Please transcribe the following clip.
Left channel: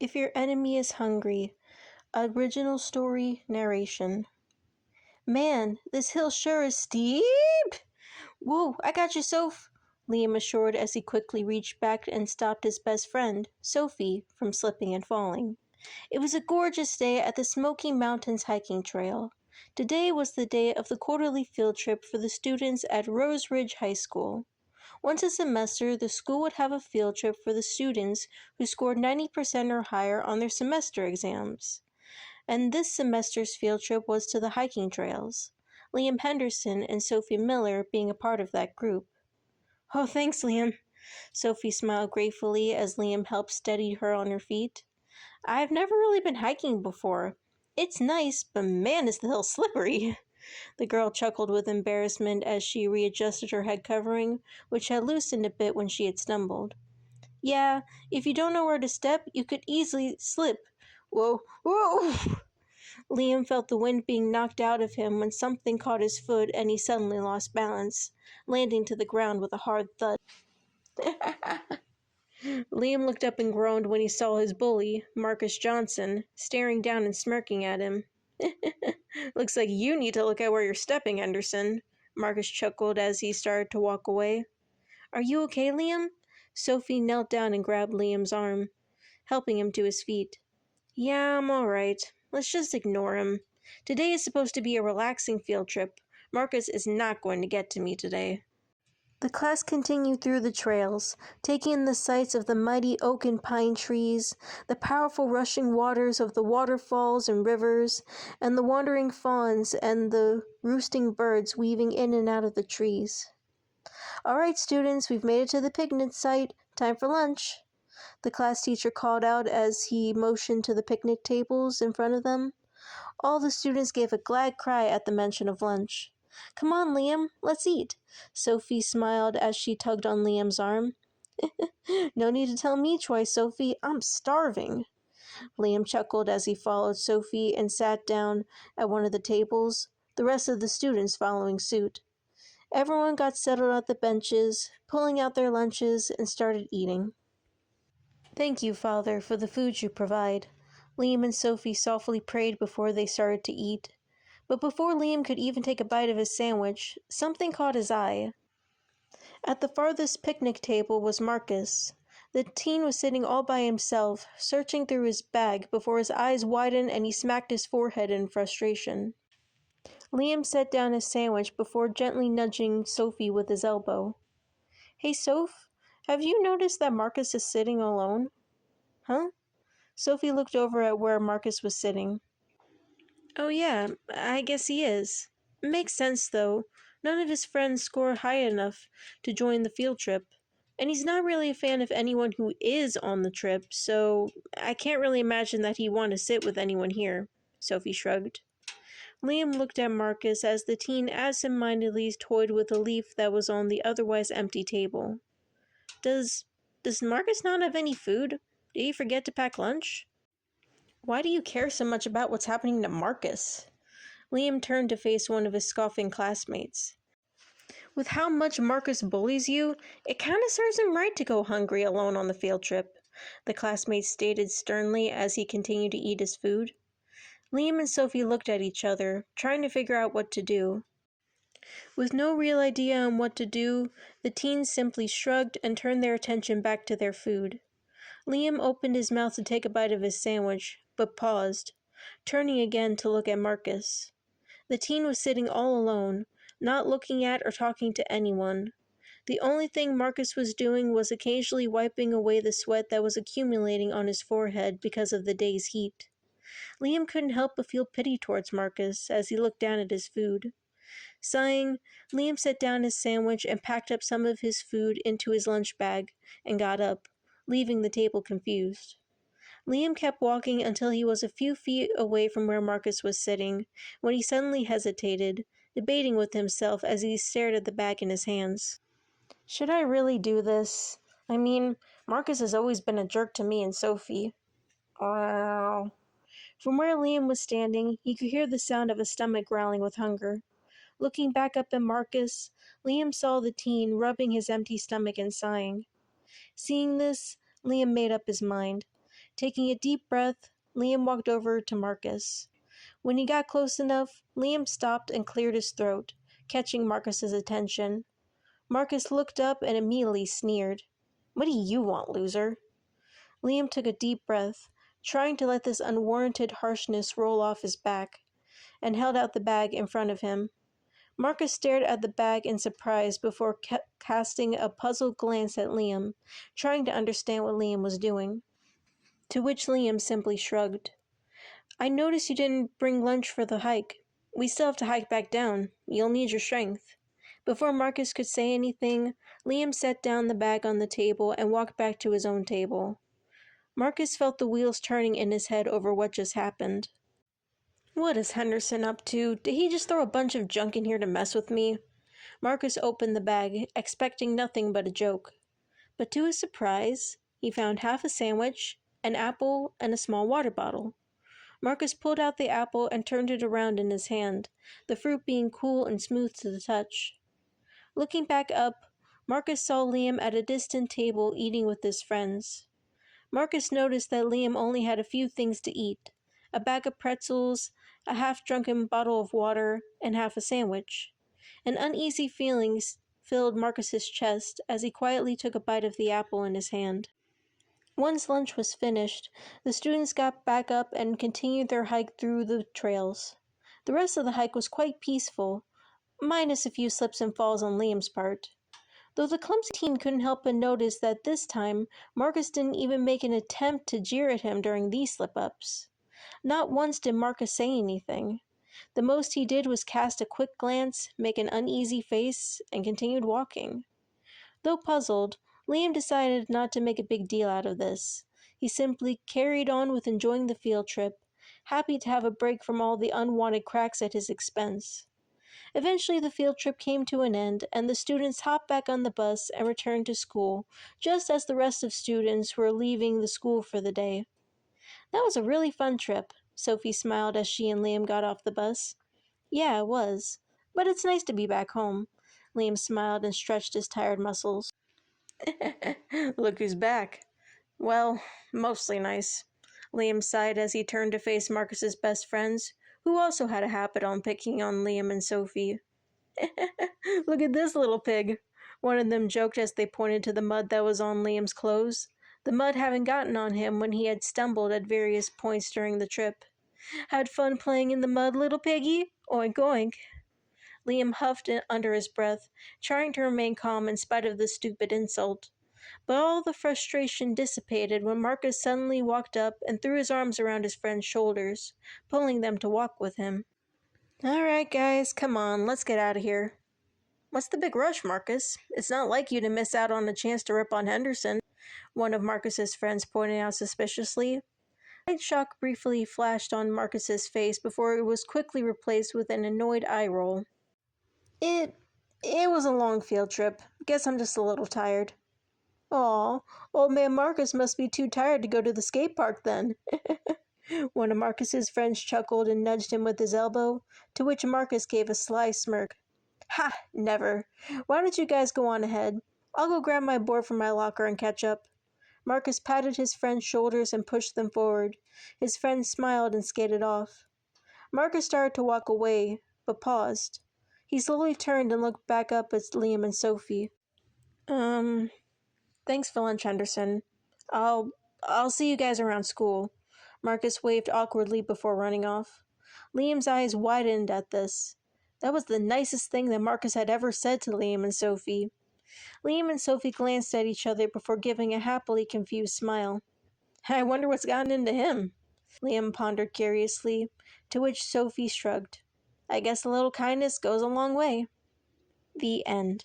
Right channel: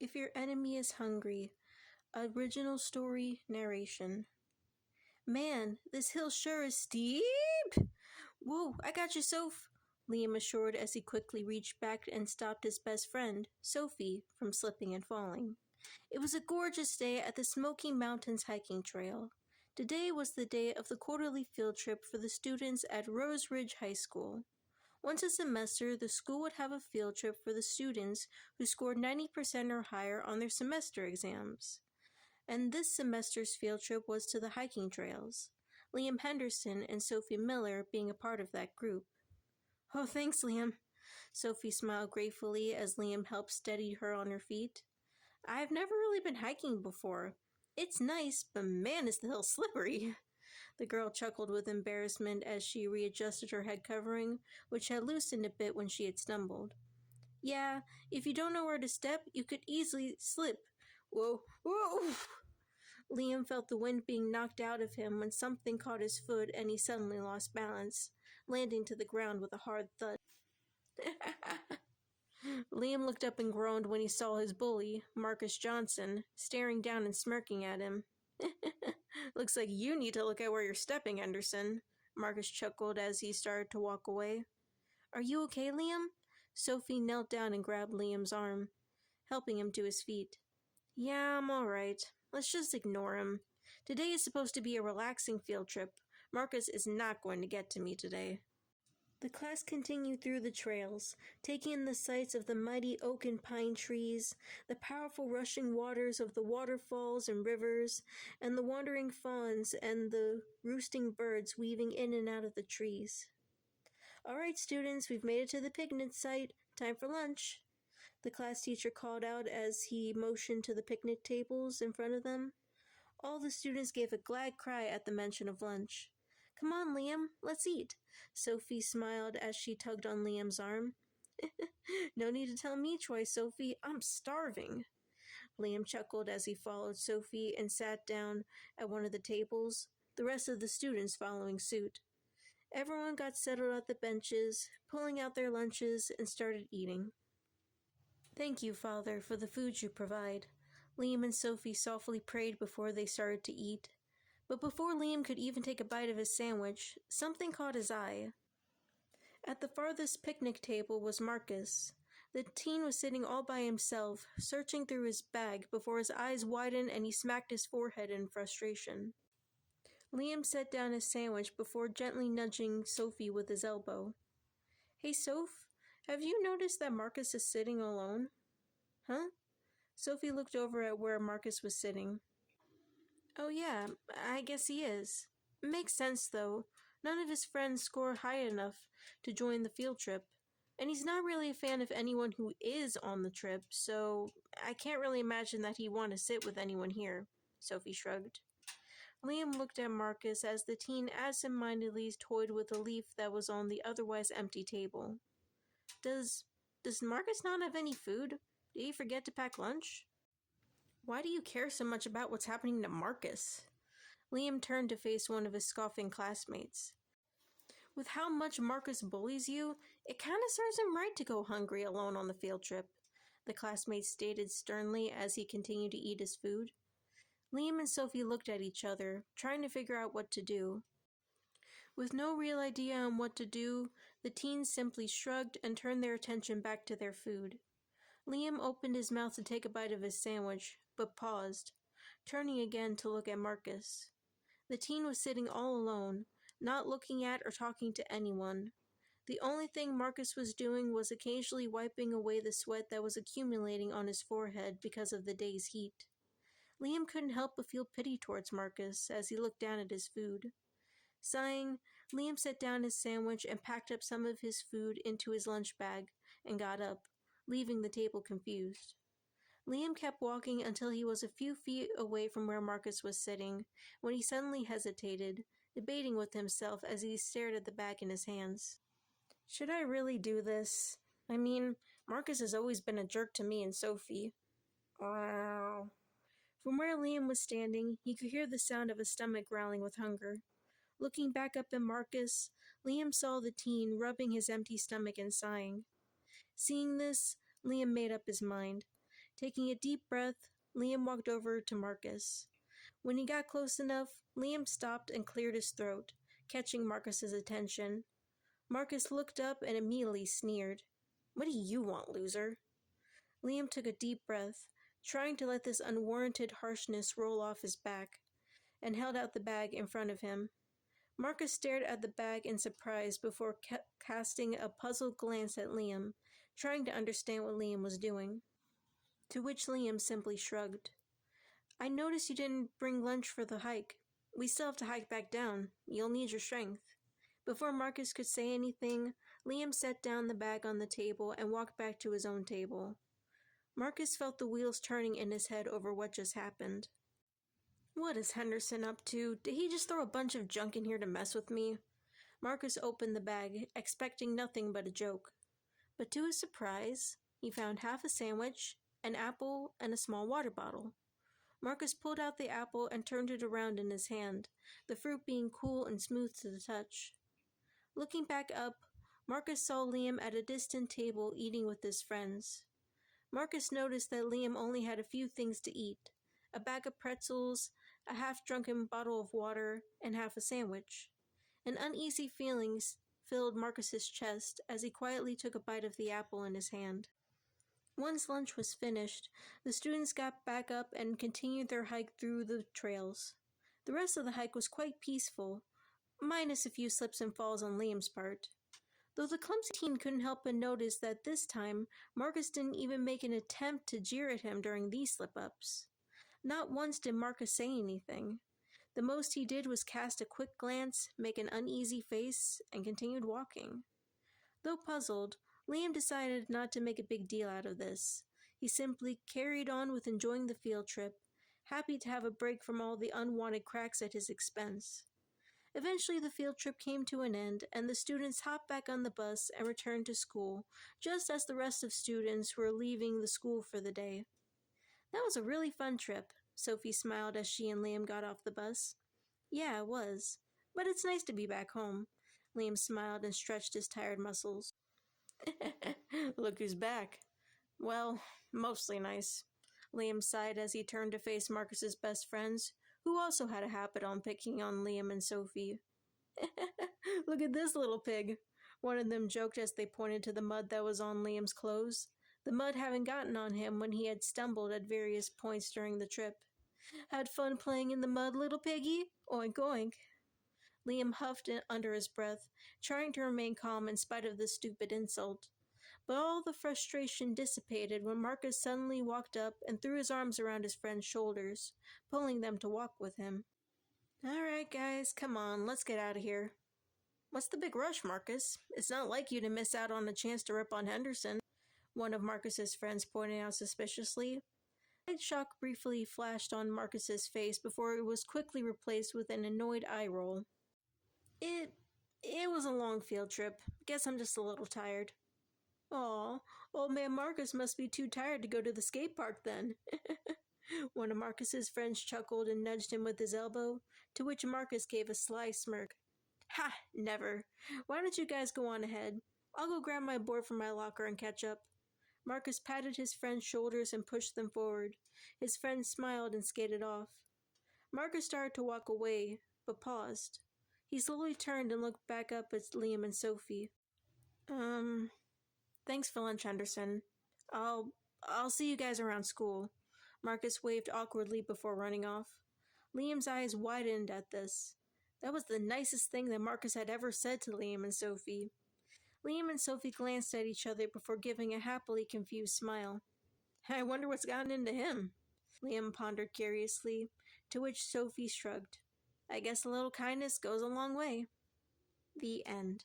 If your enemy is hungry. Original story narration. Man, this hill sure is steep! Whoa, I got you, Soph! Liam assured as he quickly reached back and stopped his best friend, Sophie, from slipping and falling. It was a gorgeous day at the Smoky Mountains hiking trail. Today was the day of the quarterly field trip for the students at Rose Ridge High School. Once a semester, the school would have a field trip for the students who scored 90% or higher on their semester exams. And this semester's field trip was to the hiking trails, Liam Henderson and Sophie Miller being a part of that group. Oh, thanks, Liam. Sophie smiled gratefully as Liam helped steady her on her feet. I've never really been hiking before. It's nice, but man, is the hill slippery. The girl chuckled with embarrassment as she readjusted her head covering, which had loosened a bit when she had stumbled. Yeah, if you don't know where to step, you could easily slip. Whoa, whoa! Liam felt the wind being knocked out of him when something caught his foot and he suddenly lost balance, landing to the ground with a hard thud. Liam looked up and groaned when he saw his bully, Marcus Johnson, staring down and smirking at him. Looks like you need to look at where you're stepping, Henderson, Marcus chuckled as he started to walk away. Are you okay, Liam? Sophie knelt down and grabbed Liam's arm, helping him to his feet. Yeah, I'm alright. Let's just ignore him. Today is supposed to be a relaxing field trip. Marcus is not going to get to me today. The class continued through the trails, taking in the sights of the mighty oak and pine trees, the powerful rushing waters of the waterfalls and rivers, and the wandering fawns and the roosting birds weaving in and out of the trees. All right, students, we've made it to the picnic site. Time for lunch, the class teacher called out as he motioned to the picnic tables in front of them. All the students gave a glad cry at the mention of lunch. Come on, Liam, let's eat. Sophie smiled as she tugged on Liam's arm. No need to tell me twice, Sophie. I'm starving. Liam chuckled as he followed Sophie and sat down at one of the tables, the rest of the students following suit. Everyone got settled at the benches, pulling out their lunches, and started eating. Thank you, Father, for the food you provide. Liam and Sophie softly prayed before they started to eat. But before Liam could even take a bite of his sandwich, something caught his eye. At the farthest picnic table was Marcus. The teen was sitting all by himself, searching through his bag before his eyes widened and he smacked his forehead in frustration. Liam set down his sandwich before gently nudging Sophie with his elbow. Hey, Soph, have you noticed that Marcus is sitting alone? Huh? Sophie looked over at where Marcus was sitting. Oh yeah, I guess he is. Makes sense, though. None of his friends score high enough to join the field trip. And he's not really a fan of anyone who is on the trip, so I can't really imagine that he'd want to sit with anyone here, Sophie shrugged. Liam looked at Marcus as the teen absent-mindedly toyed with a leaf that was on the otherwise empty table. Does Marcus not have any food? Did he forget to pack lunch? Why do you care so much about what's happening to Marcus? Liam turned to face one of his scoffing classmates. With how much Marcus bullies you, it kind of serves him right to go hungry alone on the field trip, the classmate stated sternly as he continued to eat his food. Liam and Sophie looked at each other, trying to figure out what to do. With no real idea on what to do, the teens simply shrugged and turned their attention back to their food. Liam opened his mouth to take a bite of his sandwich, but paused, turning again to look at Marcus. The teen was sitting all alone, not looking at or talking to anyone. The only thing Marcus was doing was occasionally wiping away the sweat that was accumulating on his forehead because of the day's heat. Liam couldn't help but feel pity towards Marcus as he looked down at his food. Sighing, Liam set down his sandwich and packed up some of his food into his lunch bag and got up, leaving the table confused. Liam kept walking until he was a few feet away from where Marcus was sitting, when he suddenly hesitated, debating with himself as he stared at the bag in his hands. Should I really do this? I mean, Marcus has always been a jerk to me and Sophie. Wow. From where Liam was standing, he could hear the sound of a stomach growling with hunger. Looking back up at Marcus, Liam saw the teen rubbing his empty stomach and sighing. Seeing this, Liam made up his mind. Taking a deep breath, Liam walked over to Marcus. When he got close enough, Liam stopped and cleared his throat, catching Marcus's attention. Marcus looked up and immediately sneered. "What do you want, loser?" Liam took a deep breath, trying to let this unwarranted harshness roll off his back, and held out the bag in front of him. Marcus stared at the bag in surprise before casting a puzzled glance at Liam, trying to understand what Liam was doing. To which Liam simply shrugged. "I noticed you didn't bring lunch for the hike. We still have to hike back down. You'll need your strength." Before Marcus could say anything, Liam set down the bag on the table and walked back to his own table. Marcus felt the wheels turning in his head over what just happened. What is Henderson up to? Did he just throw a bunch of junk in here to mess with me? Marcus opened the bag, expecting nothing but a joke. But to his surprise, he found half a sandwich, an apple, and a small water bottle. Marcus pulled out the apple and turned it around in his hand, the fruit being cool and smooth to the touch. Looking back up, Marcus saw Liam at a distant table eating with his friends. Marcus noticed that Liam only had a few things to eat: a bag of pretzels, a half-drunken bottle of water, and half a sandwich. An uneasy feeling filled Marcus's chest as he quietly took a bite of the apple in his hand. Once lunch was finished, the students got back up and continued their hike through the trails. The rest of the hike was quite peaceful, minus a few slips and falls on Liam's part. Though the clumsy teen couldn't help but notice that this time, Marcus didn't even make an attempt to jeer at him during these slip-ups. Not once did Marcus say anything. The most he did was cast a quick glance, make an uneasy face, and continued walking. Though puzzled, Liam decided not to make a big deal out of this. He simply carried on with enjoying the field trip, happy to have a break from all the unwanted cracks at his expense. Eventually the field trip came to an end, and the students hopped back on the bus and returned to school, just as the rest of students were leaving the school for the day. "That was a really fun trip," Sophie smiled as she and Liam got off the bus. "Yeah, it was. But it's nice to be back home." Liam smiled and stretched his tired muscles. "Look who's back." "Well, mostly nice." Liam sighed as he turned to face Marcus's best friends, who also had a habit on picking on Liam and Sophie. "Look at this little pig," one of them joked as they pointed to the mud that was on Liam's clothes, the mud having gotten on him when he had stumbled at various points during the trip. "Had fun playing in the mud, little piggy? Oink oink." Liam huffed under his breath, trying to remain calm in spite of the stupid insult. But all the frustration dissipated when Marcus suddenly walked up and threw his arms around his friend's shoulders, pulling them to walk with him. "Alright, guys, come on, let's get out of here." "What's the big rush, Marcus? It's not like you to miss out on a chance to rip on Henderson," one of Marcus's friends pointed out suspiciously. A light shock briefly flashed on Marcus's face before it was quickly replaced with an annoyed eye roll. It was a long field trip. Guess I'm just a little tired." "Aw, old man Marcus must be too tired to go to the skate park then." One of Marcus's friends chuckled and nudged him with his elbow, to which Marcus gave a sly smirk. "Ha, never. Why don't you guys go on ahead? I'll go grab my board from my locker and catch up." Marcus patted his friend's shoulders and pushed them forward. His friend smiled and skated off. Marcus started to walk away, but paused. He slowly turned and looked back up at Liam and Sophie. Thanks for lunch, Henderson. I'll see you guys around school." Marcus waved awkwardly before running off. Liam's eyes widened at this. That was the nicest thing that Marcus had ever said to Liam and Sophie. Liam and Sophie glanced at each other before giving a happily confused smile. "I wonder what's gotten into him," Liam pondered curiously, to which Sophie shrugged. "I guess a little kindness goes a long way." The end.